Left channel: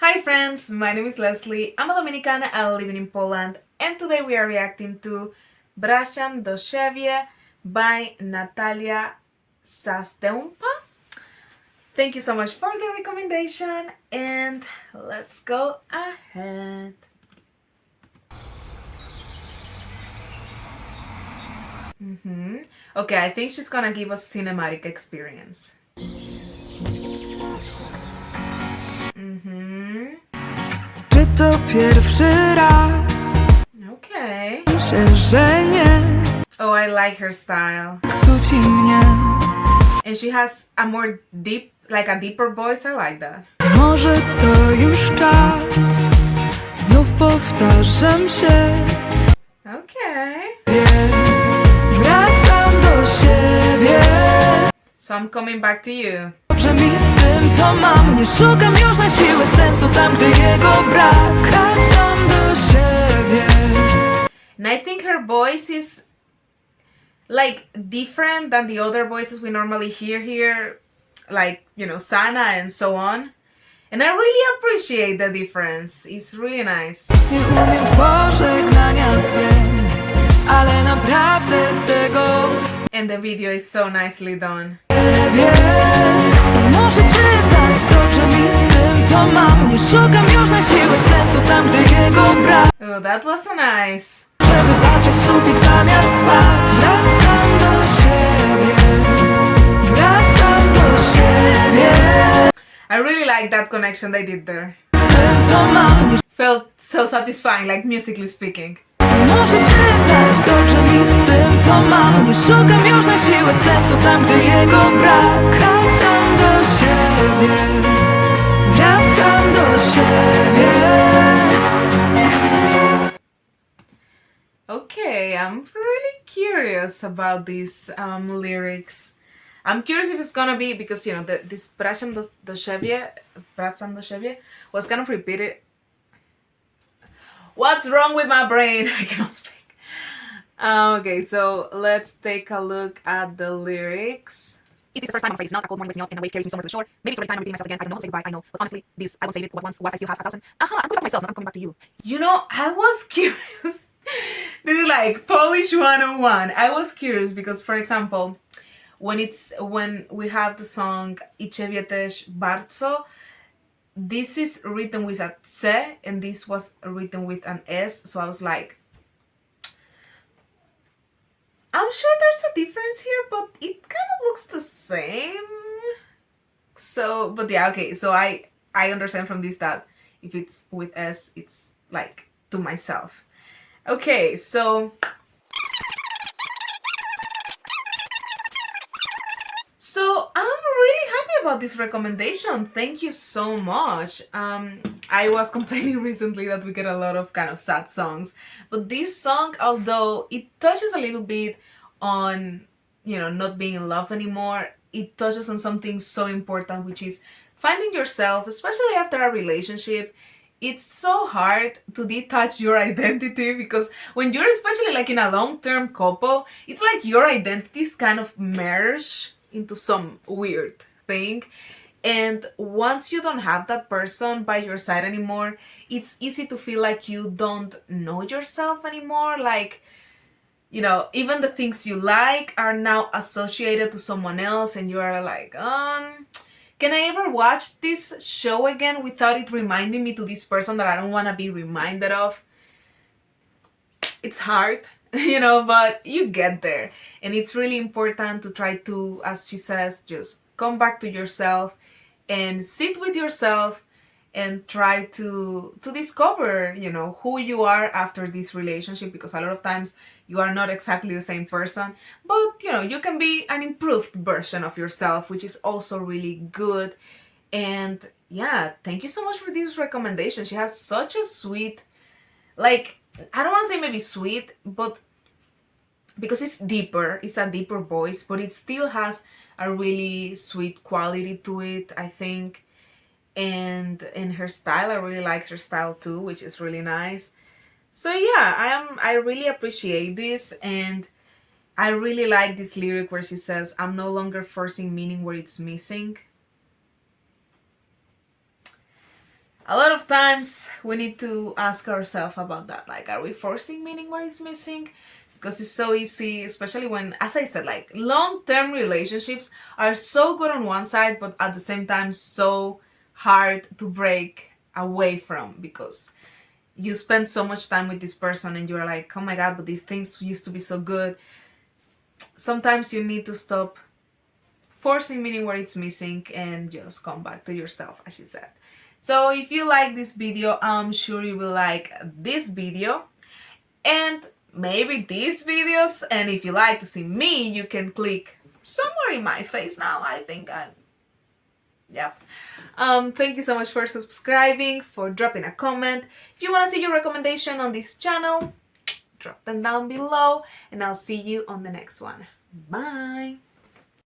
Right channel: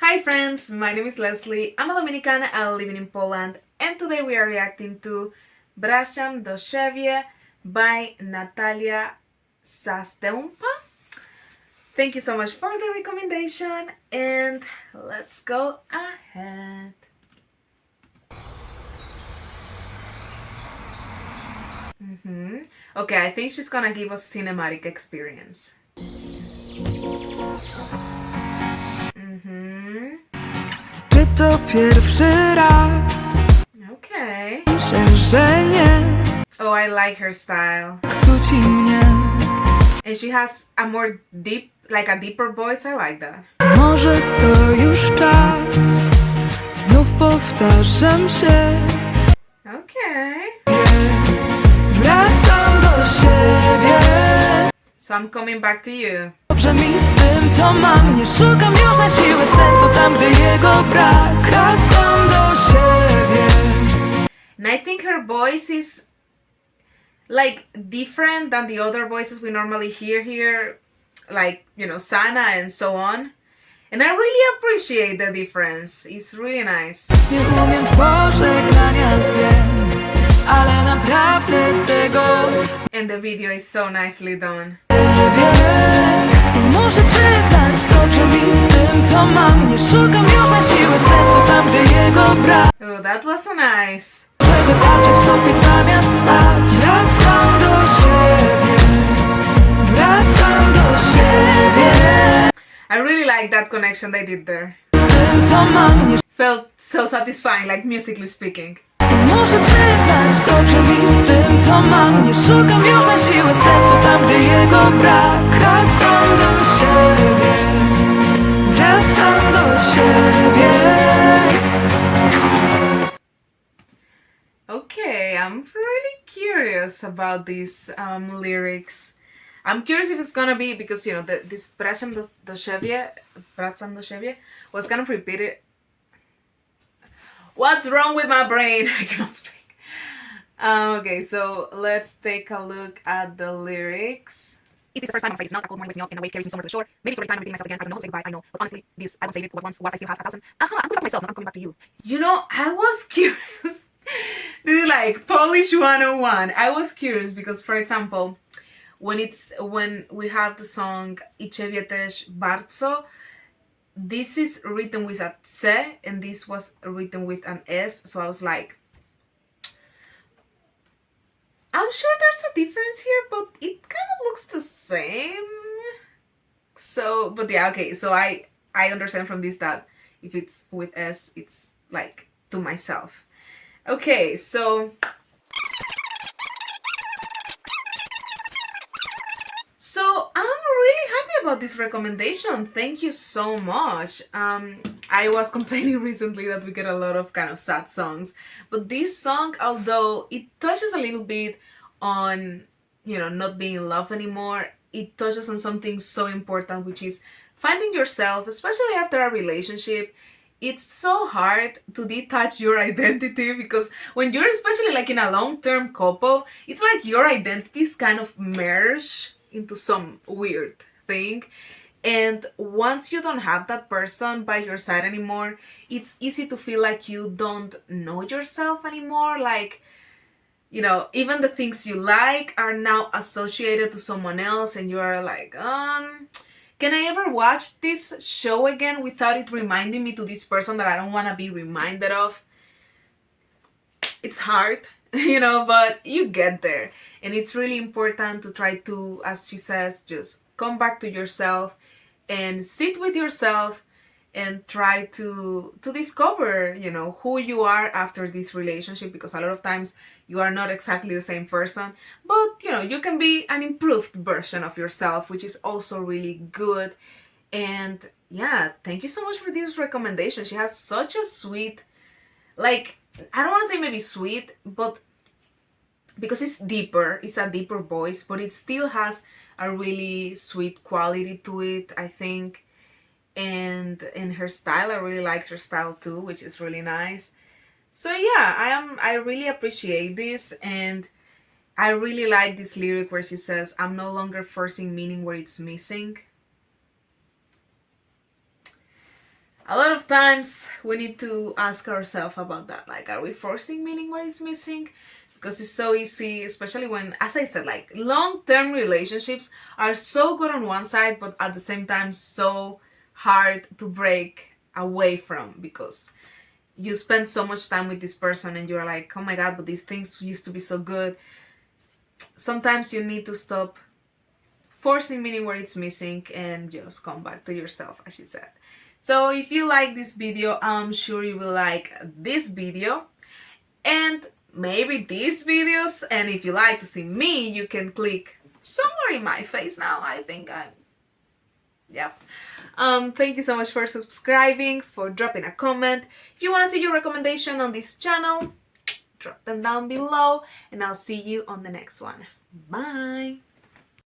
Hi friends, my name is Leslie. I'm a Dominican living in Poland, and today we are reacting to Wracam do Siebie by Natalia Zastępa. Thank you so much for the recommendation, and let's go ahead. Okay, I think she's gonna give us cinematic experience. Czy to pierwszy raz? Okay. Myślę, że nie. Oh, I like her style. Cuci mnie. And she has a more deep, like a deeper voice. I like that. Może to już czas. Znów powtarzam się. Okay. Wracam do siebie. So I'm coming back to you. Dobrze mi z tym, co mam. Nie szukam już na siłę sensu tam, gdzie jego brak. Wracam do siebie. And I think her voice is like different than the other voices we normally hear here, like, you know, Sana and so on. And I really appreciate the difference. It's really nice. Nie umiem w pożegnania, wiem, ale naprawdę tego And the video is so nicely done. lubię. I muszę przyznać, dobrze mi z tym, co mam. Nie szukam już na siłę sensu tam, gdzie jego brak. Oh, that was so nice. Żeby patrzeć w sufit zamiast spać. Wracam do siebie. Wracam do siebie. I really like that connection they did there. Z tym, co mam. Nie Felt so satisfying, like musically speaking. muszę przyznać, dobrze mi z tym, co mam. Nie szukam już na siłę sensu tam, gdzie jego brak. Wracam do siebie. Wracam do siebie. Okay, I'm really curious about these lyrics. I'm curious if it's gonna be, because, you know, this Wracam do Siebie, Wracam do Siebie was kind of repeated. What's wrong with my brain? I cannot speak. Okay, so let's take a look at the lyrics. Is this the first time I'm afraid it's not? A cold morning wakes me up and a wave carries me somewhere to the shore. Maybe it's already time I'm repeating myself again. I don't know how to say goodbye, I know. But honestly, this, I won't save it. What once was I still have 1,000. I'm going back to myself, now I'm coming back to you. You know, I was curious. This is like Polish 101. I was curious because, for example, when we have the song I Ciebie też bardzo, this is written with a C and this was written with an S. So I was like, I'm sure there's a difference here, but it kind of looks the same. So, but yeah, okay. So I understand from this that if it's with S, it's like to myself. Okay, so I'm really happy about this recommendation. Thank you so much. I was complaining recently that we get a lot of kind of sad songs, but this song, although it touches a little bit on, you know, not being in love anymore, it touches on something so important, which is finding yourself, especially after a relationship. It's so hard to detach your identity, because when you're especially like in a long-term couple, it's like your identities kind of merge into some weird thing. And once you don't have that person by your side anymore, it's easy to feel like you don't know yourself anymore. Like, you know, even the things you like are now associated to someone else, and you are like, can I ever watch this show again without it reminding me to this person that I don't want to be reminded of? It's hard, you know, but you get there. And it's really important to try to, as she says, just come back to yourself and sit with yourself and try to discover, you know, who you are after this relationship, because a lot of times you are not exactly the same person, but, you know, you can be an improved version of yourself, which is also really good. And yeah, thank you so much for this recommendation. She has such a sweet, like, I don't want to say maybe sweet, but because it's deeper, it's a deeper voice, but it still has a really sweet quality to it, I think. And in her style, I really like her style too, which is really nice. So yeah, I really appreciate this, and I really like this lyric where she says, I'm no longer forcing meaning where it's missing. a lot of times we need to ask ourselves about that. Like, are we forcing meaning what is missing? Because it's so easy, especially when, as I said, like long-term relationships are so good on one side, but at the same time so hard to break away from, because you spend so much time with this person and you're like, oh my god, but these things used to be so good. Sometimes you need to stop forcing meaning where it's missing and just come back to yourself, as she said. So if you like this video, I'm sure you will like this video and maybe these videos. And if you like to see me, you can click somewhere in my face now. I think yep. Thank you so much for subscribing, for dropping a comment. If you want to see your recommendation on this channel, drop them down below, and I'll see you on the next one. Bye!